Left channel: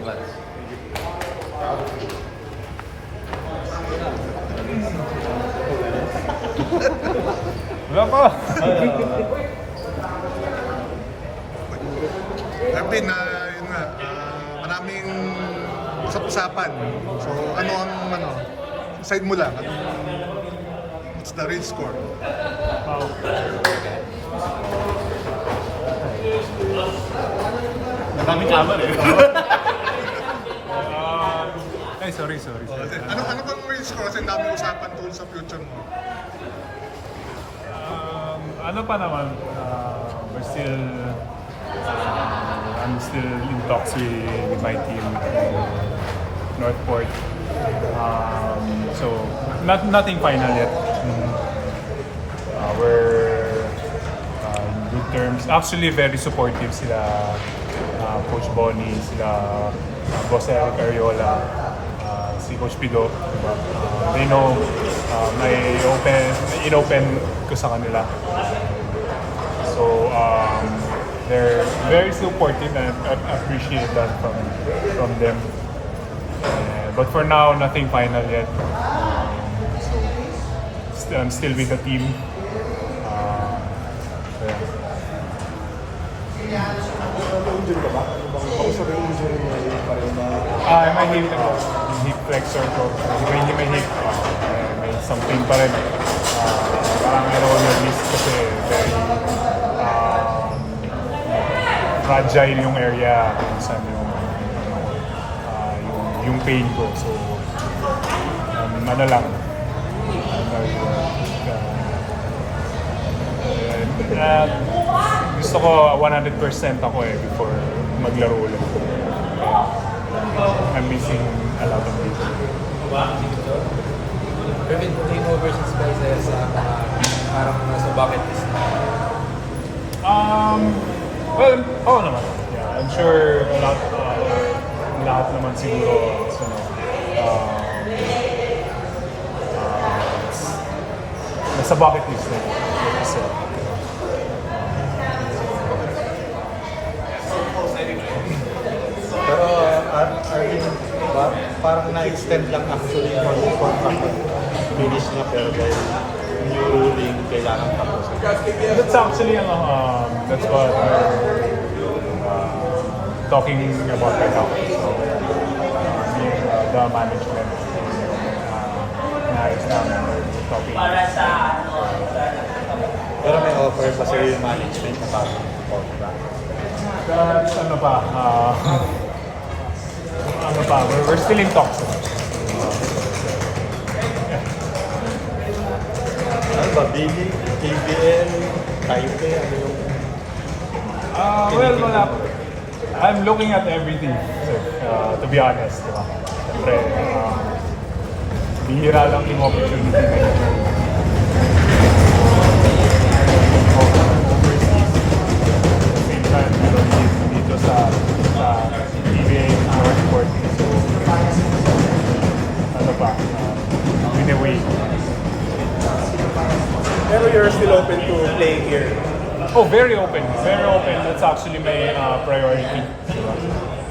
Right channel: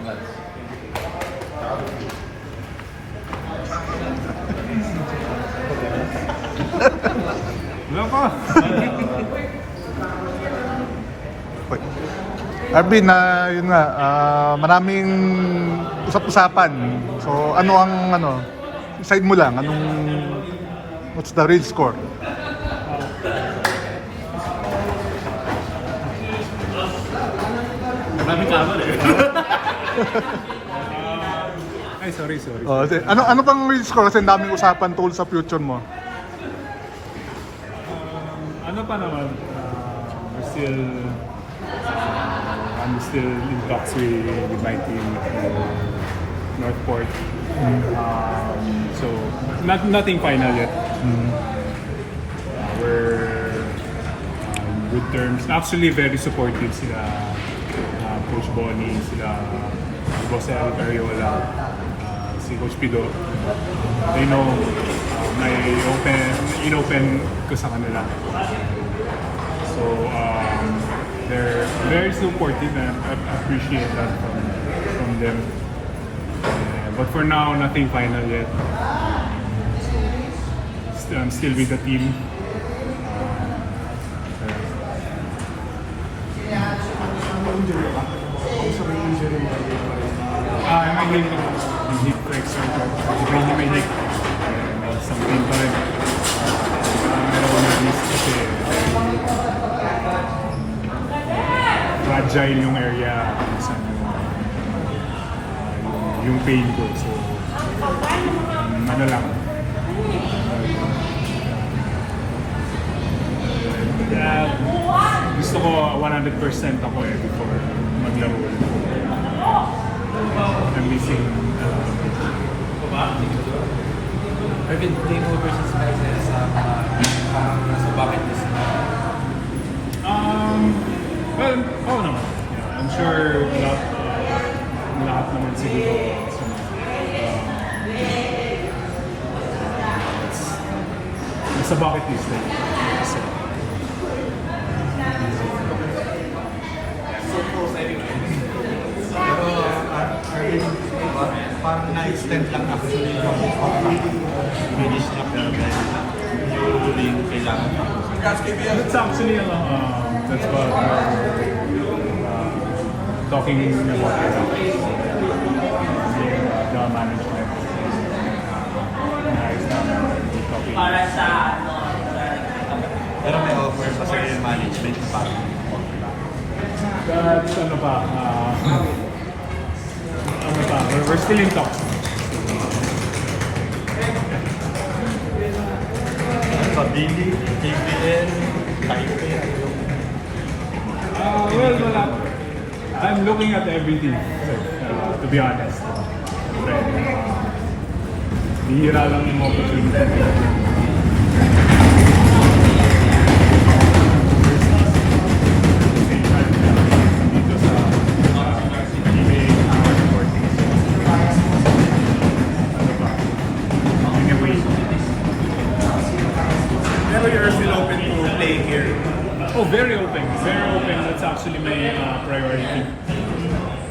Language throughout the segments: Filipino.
Congrats. Wala pa. Arvin, yun nga, maraming usap-usapan. So, side mo lang, what's the real score? Maraming kamal eh. Ay, sorry. Ano pang real score? Kasi daming usapan tungkol sa future mo. Ano pa naman, I'm still in talks with my team Northport. So nothing final yet. We're good terms. Actually, very supportive sila Coach Bonnie, sila Jose Ariola, si Coach Pido. May in-open ko sa kanila. So they're very supportive and appreciate that from them. But for now, nothing final yet. I'm still with the team. I'm only heat flexor ko. Medyo may heat. Something pa rin. Parang may release kasi fragile yung area minsan yung pain ko. So, ano lang. Gusto ko 100% ako before maglaro ulit. I'm missing Team versus guys sa bucket list. Well, oo naman. Yeah, I'm sure lahat naman siguro nasa bucket list na. So, Pero parang na-extend lang actually finish na pero dahil usually yung kailangan. that's actually that's what talking about the management. It's topic. Pero may offer pa sa yung management pa. That's we're still in talks. Well, I'm looking at everything, to be honest. Bihira lang yung opportunity. Dito sa PBA, ano pa? Anyway. Pero you're still open to play here. Oh, very open. Very open. That's actually my priority.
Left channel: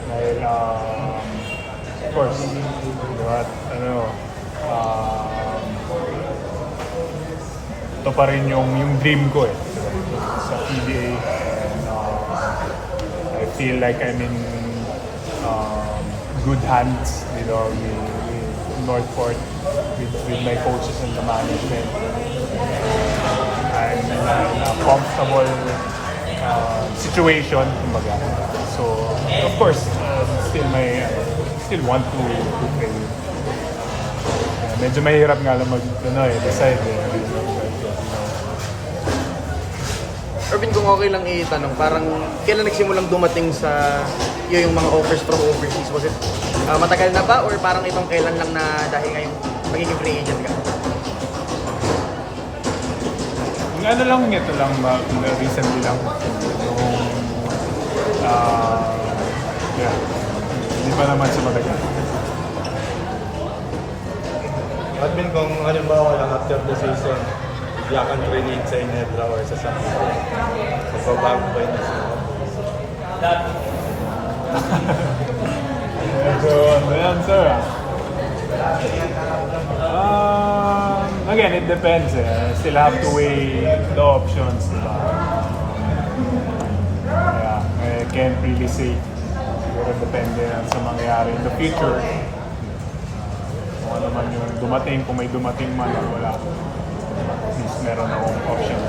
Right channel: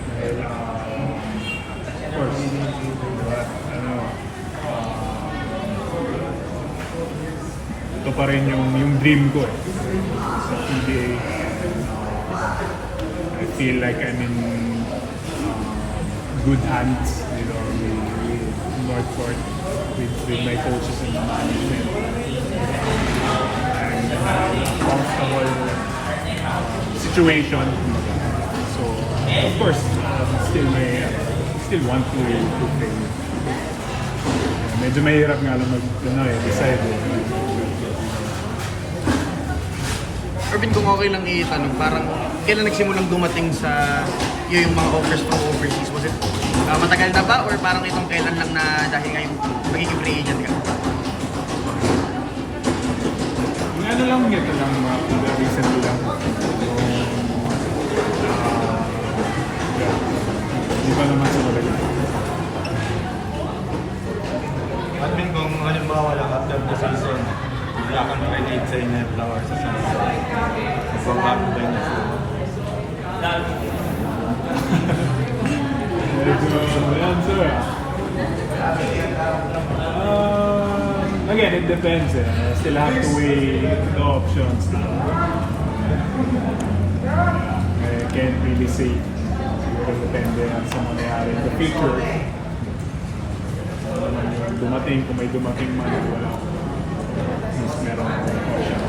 Dahil, of course, ito pa rin yung dream ko sa PBA. And, I feel like I'm in good hands, with Northport, with my coaches and the management. Comfortable situation. So, of course, still want to play. Medyo mahirap nga lang decide. Arvin, kung okay lang itanong, parang kailan nagsimulang dumating sa iyo yung mga offers from overseas? Was it matagal na ba or parang itong kailan lang na dahil ngayon magiging free agent ka? Ano lang ito lang, recently lang. Hindi pa naman simula yun. At may kung halimbawa lang after the season, wala ka na really sa Inedra or sa San Jose. Sa lab ba yun? again, it depends eh. Still have to weigh the options. I can't really say. Pero depende yan sa mangyayari in the future. Kung ano man yung dumating, kung may dumating man o wala. Meron akong option.